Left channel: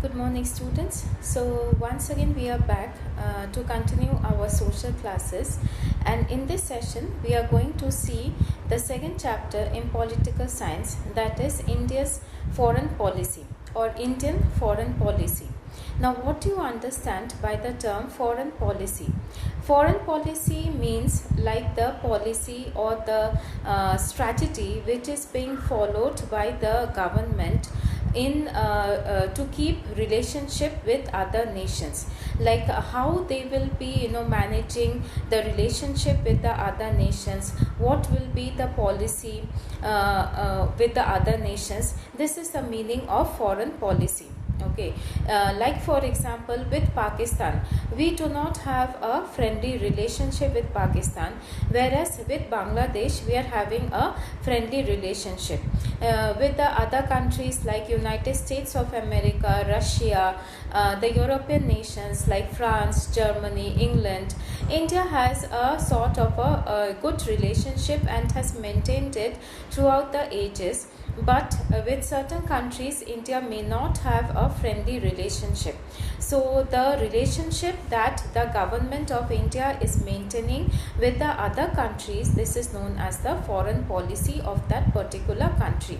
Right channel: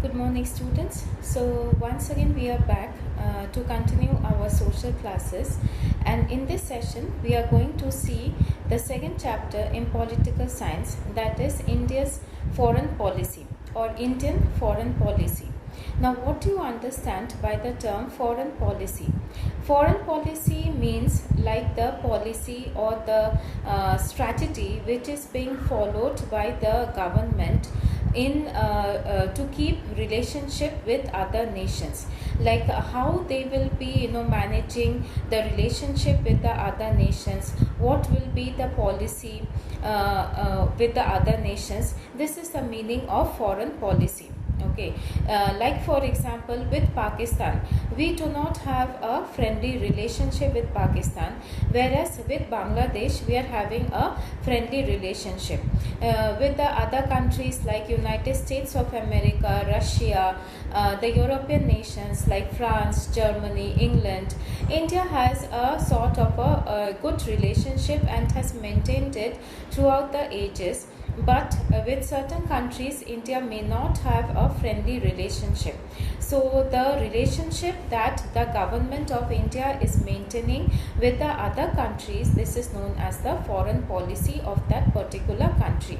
Good morning, students. So once again we are back to continue our social classes, and in this session we are going to see the second chapter in political science, that is India's foreign policy or Indian foreign policy. Now, what do you understand by the term foreign policy? Foreign policy means like the policy or the strategy which is being followed by the government in to keep relationship with other nations, like how they will be managing the relationship with the other nations, what will be the policy with the other nations. This is the meaning of foreign policy. Okay, like for example with Pakistan, we do not have a friendly relationship with Pakistan, whereas with Bangladesh we are having a friendly relationship. With the other countries like United States of America, Russia, the European nations like France, Germany, England, India has a sort of a good relationship and has maintained it throughout the ages. But with certain countries, India may not have a friendly relationship. So the relationship that the government of India is maintaining with the other countries, this is known as the foreign policy of that particular country.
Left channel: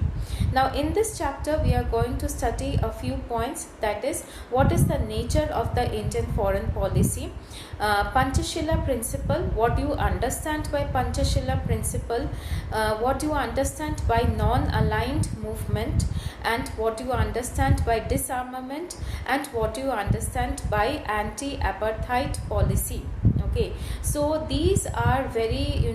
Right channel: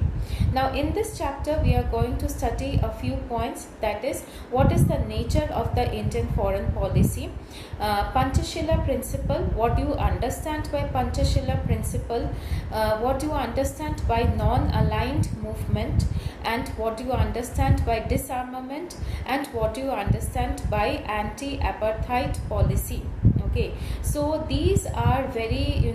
Now in this chapter we are going to study a few points, that is what is the nature of the Indian foreign policy, Panchashila principle, what do you understand by Panchashila principle, what do you understand by non-aligned movement, and what do you understand by disarmament, and what do you understand by anti-apartheid policy. Okay, so these are very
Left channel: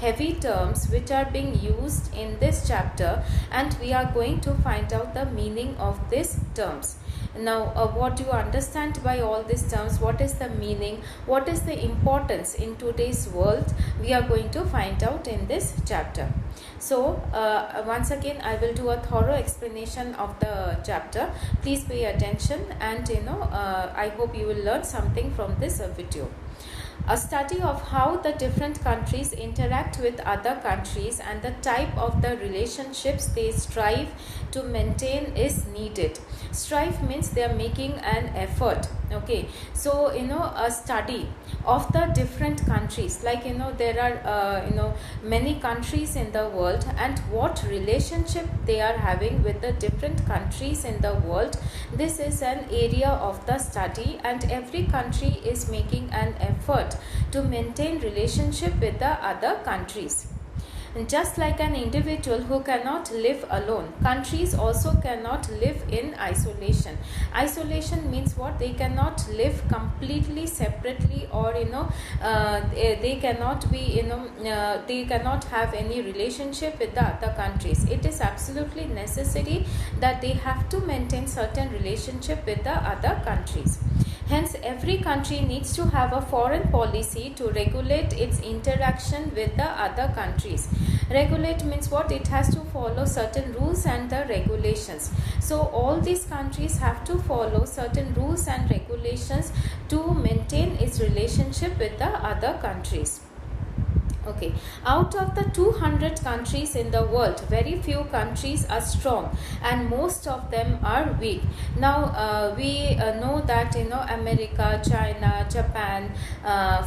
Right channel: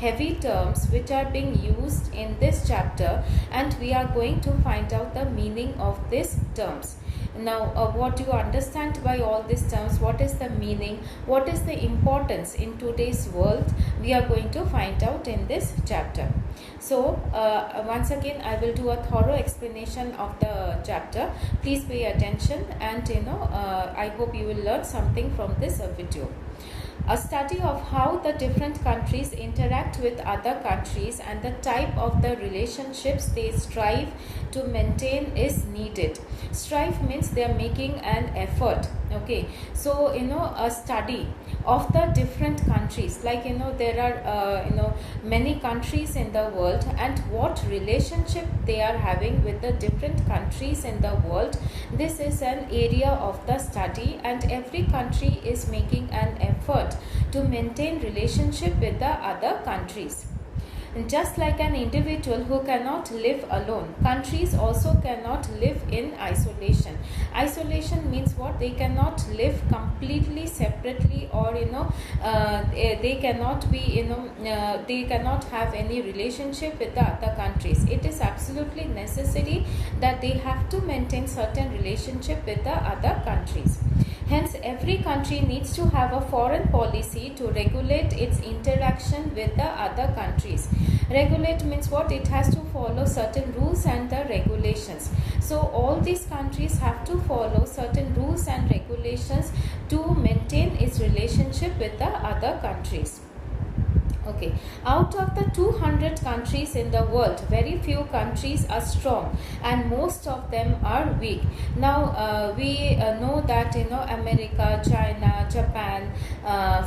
heavy terms which are being used in this chapter, and we are going to find out the meaning of these terms. Now, what do you understand by all these terms? What is the meaning? What is the importance in today's world? We are going to find out in this chapter. So, once again, I will do a thorough explanation of the chapter. Please pay attention, and I hope you will learn something from this video. A study of how the different countries interact with other countries and the type of the relationships they strive to maintain is needed. Strive means they are making an effort. Okay, so a study of the different countries, like there are many countries in the world, and what relationship they are having with the different countries in the world. This is an area of the study, and every country is making an effort to maintain relationship with the other countries. Just like an individual who cannot live alone, countries also cannot live in isolation. Isolation means what? They cannot live completely separately, or they cannot be they cannot have any relationship with the other countries. It is absolutely necessary that they have to maintain certain relationship with the other countries. Hence, every country needs to have a foreign policy to regulate its interaction with the other countries. Regulate means what? It has to follow certain rules and the regulations. So, all these countries have to follow certain rules and regulations to maintain its relationship with the other countries. Okay, out of the 200 countries in the world, very few countries are strong and most of them are weak. Now, we know that America, China, Japan,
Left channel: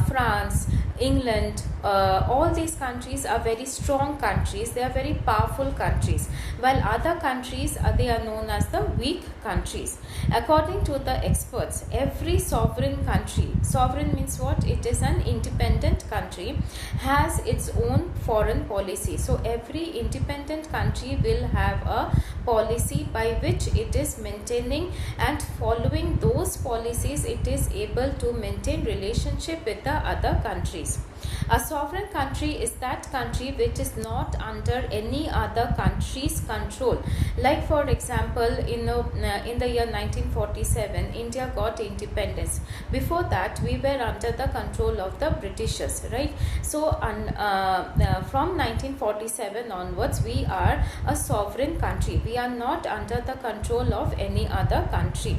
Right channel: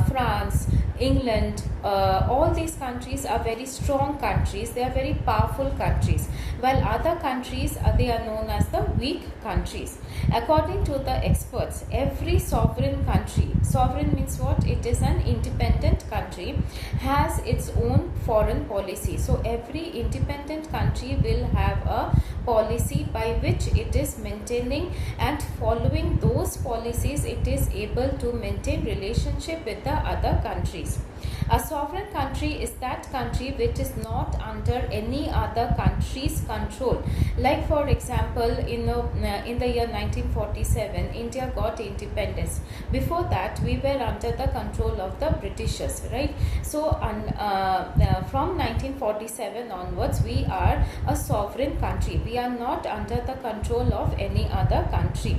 France, England, all these countries are very strong countries. They are very powerful countries, while other countries they are known as the weak countries. According to the experts, every sovereign country, sovereign means what? It is an independent country, has its own foreign policy. So every independent country will have a policy by which it is maintaining, and following those policies it is able to maintain relationship with the other countries. A sovereign country is that country which is not under any other country's control. Like for example, in the year 1947, India got independence. Before that, we were under the control of the Britishers, right? So, from 1947 onwards, we are a sovereign country. We are not under the control of any other country,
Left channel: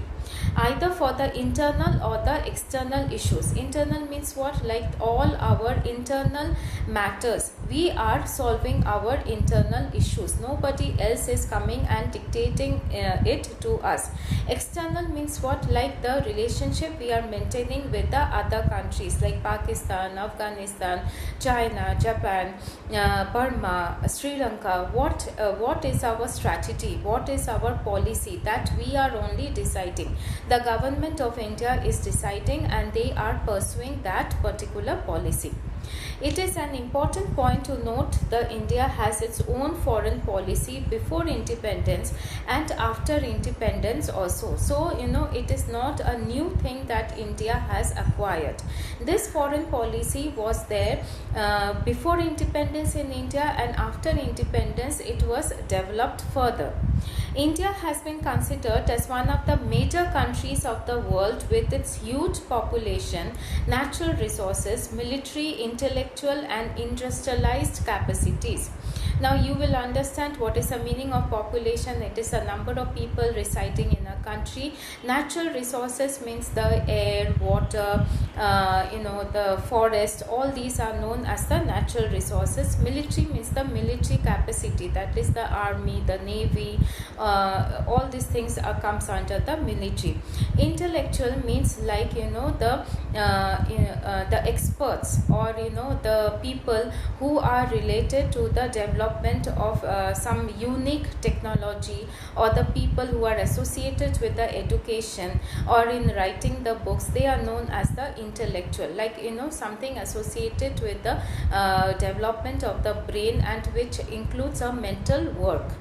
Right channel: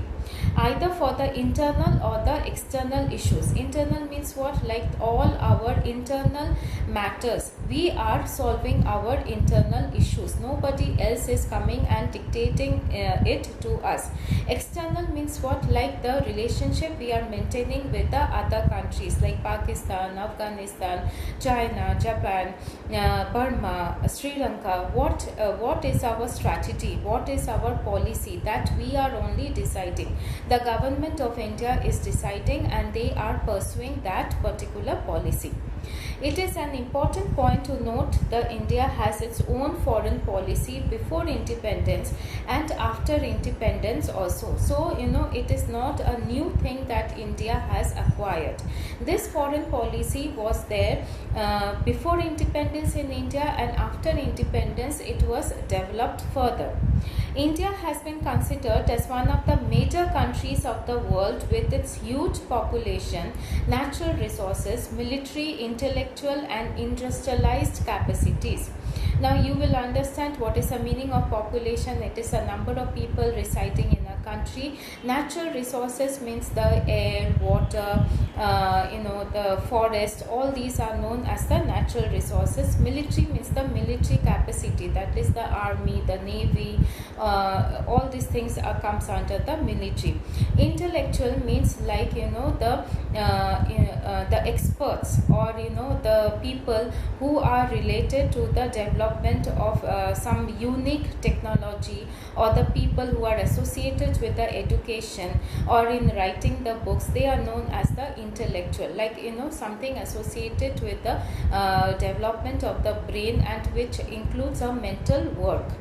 either for the internal or the external issues. Internal means what? Like all our our internal matters. We are solving our internal issues. Nobody else is coming and dictating it to us. External means what? Like the relationship we are maintaining with the other countries like Pakistan, Afghanistan, China, Japan, Burma, Sri Lanka. What is our strategy? What is our policy? That we are only deciding. The government of India is deciding, and they are pursuing that particular policy. It is an important point to note that India has its own foreign policy before independence and after independence also. So, it is not a new thing that India has acquired. This foreign policy was there before independence in India, and after independence it was developed further. India has been considered as one of the major countries of the world with its huge population, natural resources, military, intellectual and industrialized capacities. Now you will understand what is the meaning of population. It is a number of people residing in a country. Natural resources means the air, water, the forest. All these are known as the natural resources. Military means the military capacity. That is the army, the navy. All these things comes under the military. Intellectual means like the experts or the people who are related to the development of some unique technology, or the people who are associated with the education or in writing the books. They are known as the intellectual, like something associated with the development of the brain, and which includes a mental work.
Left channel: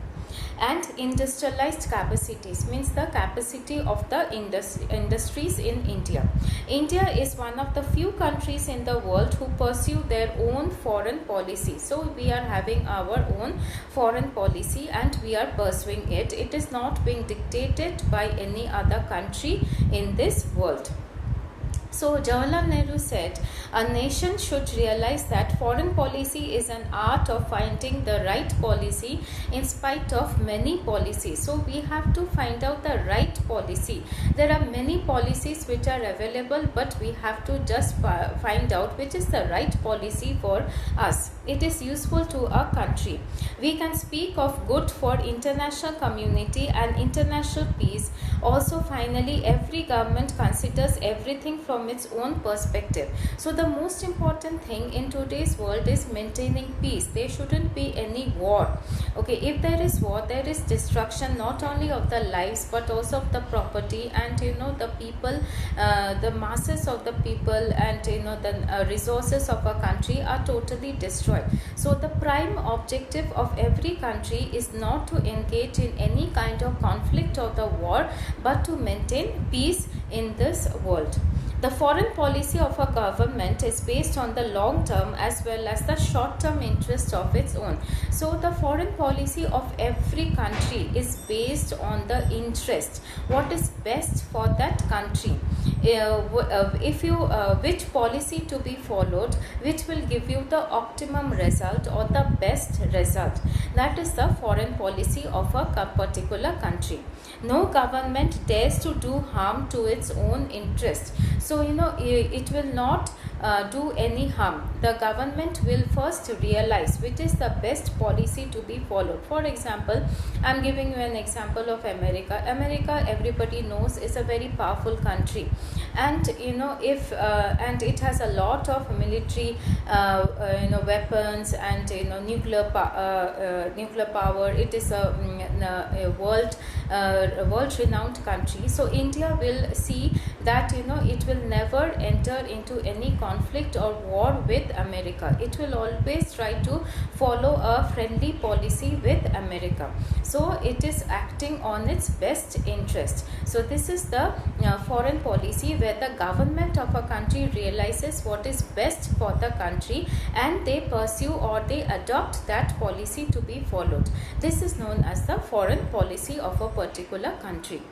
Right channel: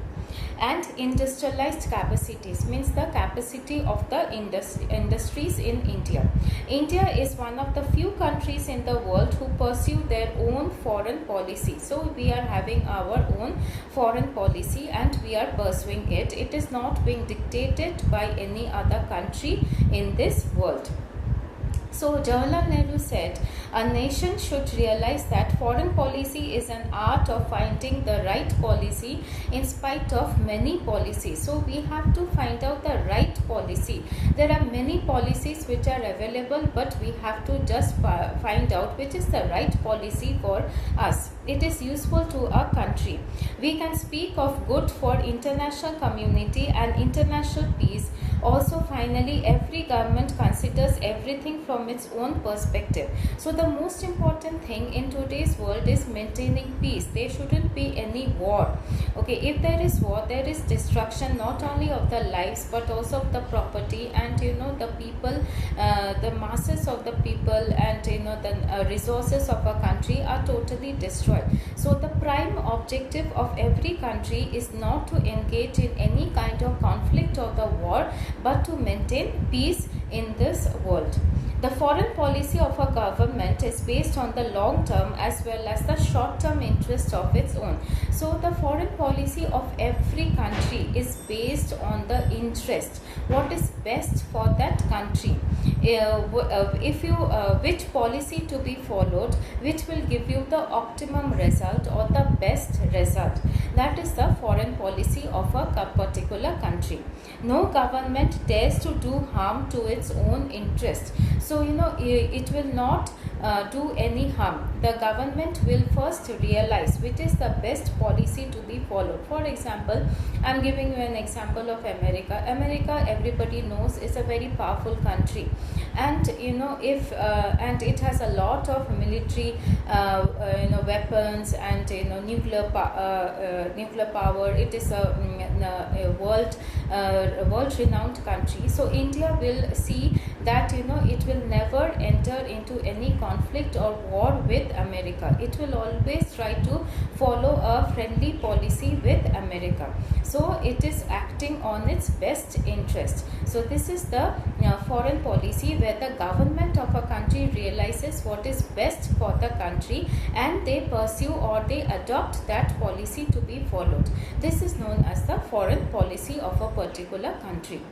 And industrialized capacities means the capacity of the industries in India. India is one of the few countries in the world who pursue their own foreign policy. So we are having our own foreign policy and we are pursuing it. It is not being dictated by any other country in this world. So Jawaharlal Nehru said, a nation should realize that foreign policy is an art of finding the right policy in spite of many policies. So we have to find out the right policy. There are many policies which are available, but we have to just find out which is the right policy for us. It is useful to our country. We can speak of good for international community and international peace. Also, finally, every government considers everything from its own perspective. So the most important thing in today's world is maintaining peace. There shouldn't be any war. Okay, if there is war, there is destruction not only of the lives but also of the property, and the people, the masses of the people, and the resources of a country are totally destroyed. So the prime objective of every country is not to engage in any kind of conflict or the war, but to maintain peace in this world. The foreign policy of a government is based on the long term as well as the short term interests of its own. So the foreign policy of every country is based on the interest, what is best for that country. Which policy to be followed, which will give you the optimum result or the best result. That is the foreign policy of a particular country. No government dares to do harm to its own interest. So, it will not do any harm. The government will first realize which is the best policy to be followed. For example, I am giving you an example of America. America, everybody knows, is a very powerful country, and and it has a lot of military weapons and nuclear power. It is a world renowned country. So India will see that it will never enter into any conflict or war with America. It will always try to follow a friendly policy with America. So it is acting on its best interest. So this is the foreign policy where the government of a country realizes what is best for the country and they pursue or they adopt that policy to be followed. This is known as the foreign policy of a particular country.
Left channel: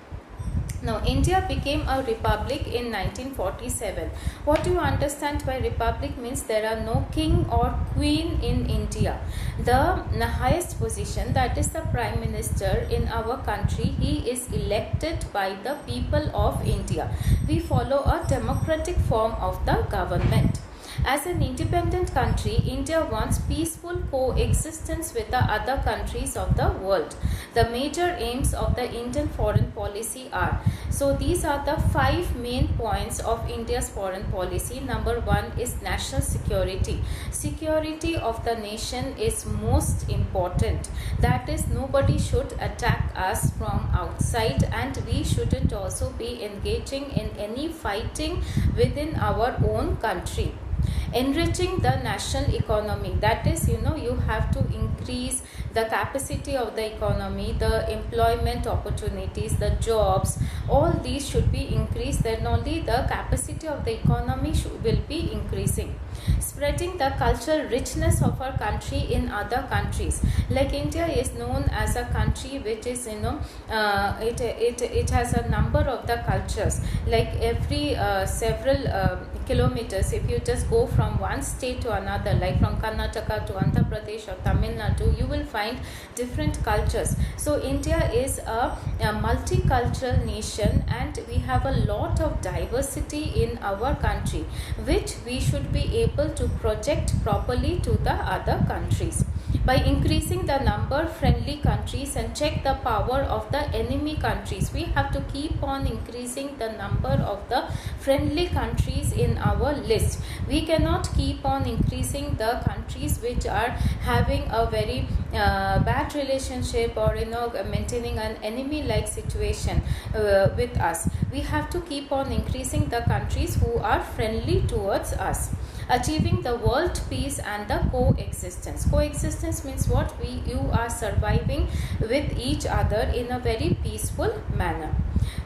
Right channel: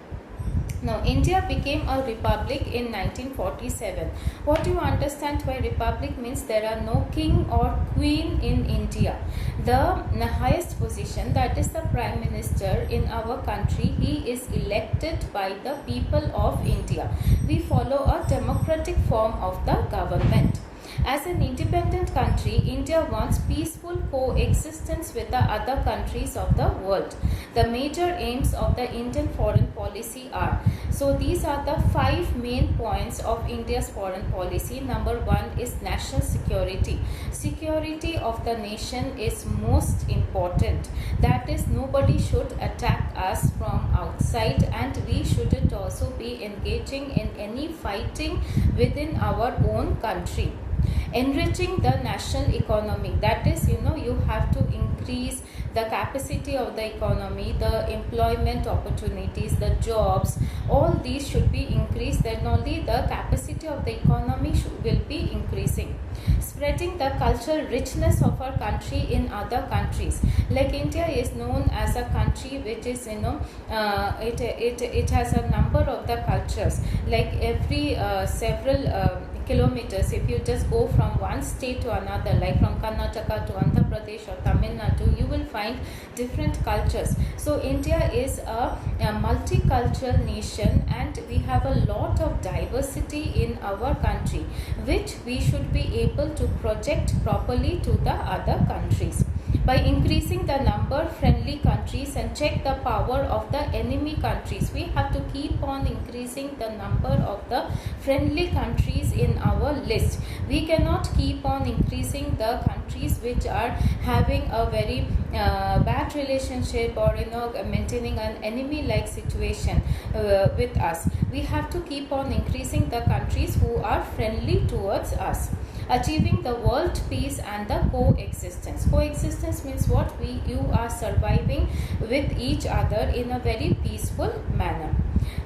Now, India became a republic in 1947. What do you understand by republic means? There are no king or queen in India. The highest position, that is the Prime Minister in our country, he is elected by the people of India. We follow a democratic form of the government. As an independent country, India wants peaceful coexistence with the other countries of the world. The major aims of the Indian foreign policy are, so these are the 5 main points of India's foreign policy. Number 1 is national security. Security of the nation is most important. That is, nobody should attack us from outside, and we shouldn't also be engaging in any fighting within our own country. Enriching the national economy, that is, you have to increase the capacity of the economy, the employment opportunities, the jobs, all these should be increased, then only the capacity of the economy will be increasing. Spreading the cultural richness of our country in other countries. Like India is known as a country which is, it has a number of the cultures. Like every several kilometers, if you just go from one state to another, like from Karnataka to Andhra Pradesh or Tamil Nadu, you will find different cultures. So India is a multicultural nation, and we have a lot of diversity in our country, which we should be able to project properly to the other countries. By increasing the number friendly countries and check the power of the enemy countries, we have to keep on increasing the number of the friendly countries in our list. We cannot keep on increasing the countries which are having a very bad relationship, or maintaining an enemy like situation with us. We have to keep on increasing the countries who are friendly towards us. Achieving the world peace and the coexistence. Coexistence means what? You are surviving with each other in a very peaceful manner.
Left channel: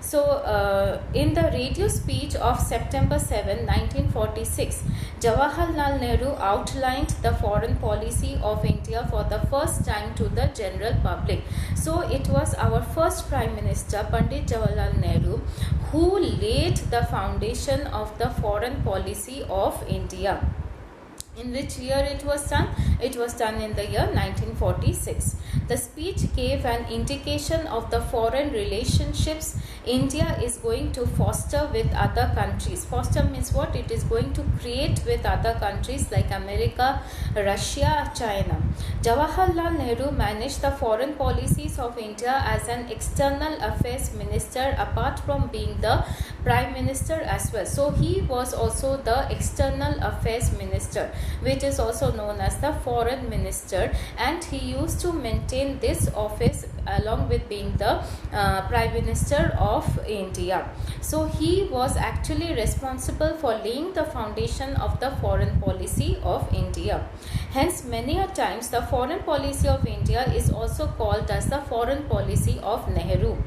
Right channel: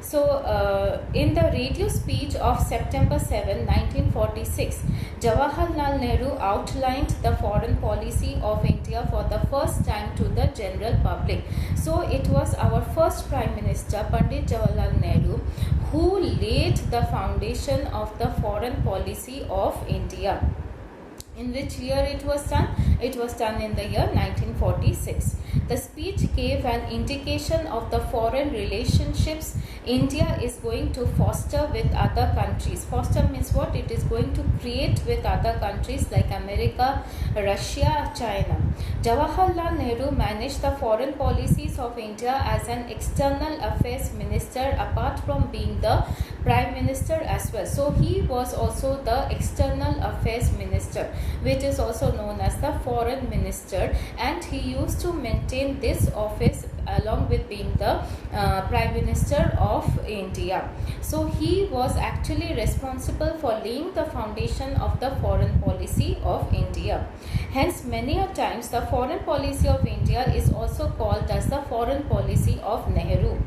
So, in the radio speech of September 7, 1946, Jawaharlal Nehru outlined the foreign policy of India for the first time to the general public. So, it was our first Prime Minister, Pandit Jawaharlal Nehru, who laid the foundation of the foreign policy of India. In which year it was done? It was done in the year 1946. The speech gave an indication of the foreign relationships India is going to foster with other countries. Foster means what? It is going to create with other countries like America, Russia, China. Jawaharlal Nehru managed the foreign policies of India as an external affairs minister, apart from being the Prime Minister as well. So he was also the external affairs minister, which is also known as the foreign minister, and he used to maintain this office along with being the Prime Minister of India. So he was actually responsible for laying the foundation of the foreign policy of India. Hence, many a times the foreign policy of India is also called as the foreign policy of Nehru.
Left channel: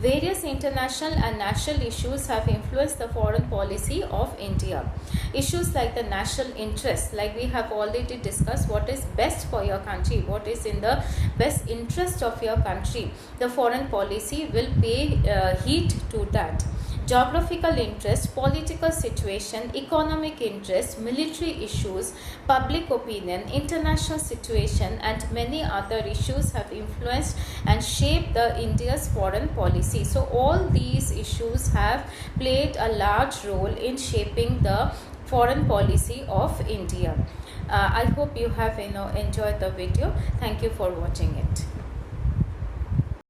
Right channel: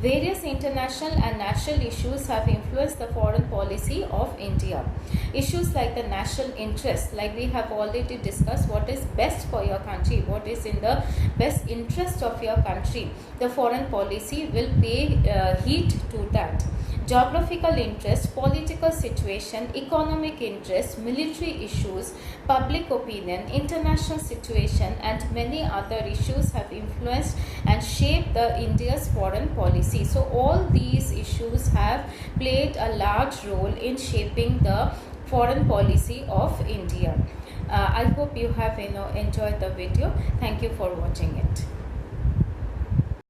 Various international and national issues have influenced the foreign policy of India. Issues like the national interest, like we have already discussed, what is best for your country, what is in the best interest of your country. The foreign policy will pay heed to that. Geographical interest, political situation, economic interest, military issues, public opinion, international situation, and many other issues have influenced and shaped the India's foreign policy. So all these issues have played a large role in shaping the foreign policy of India. I hope you have enjoyed the video. Thank you for watching it.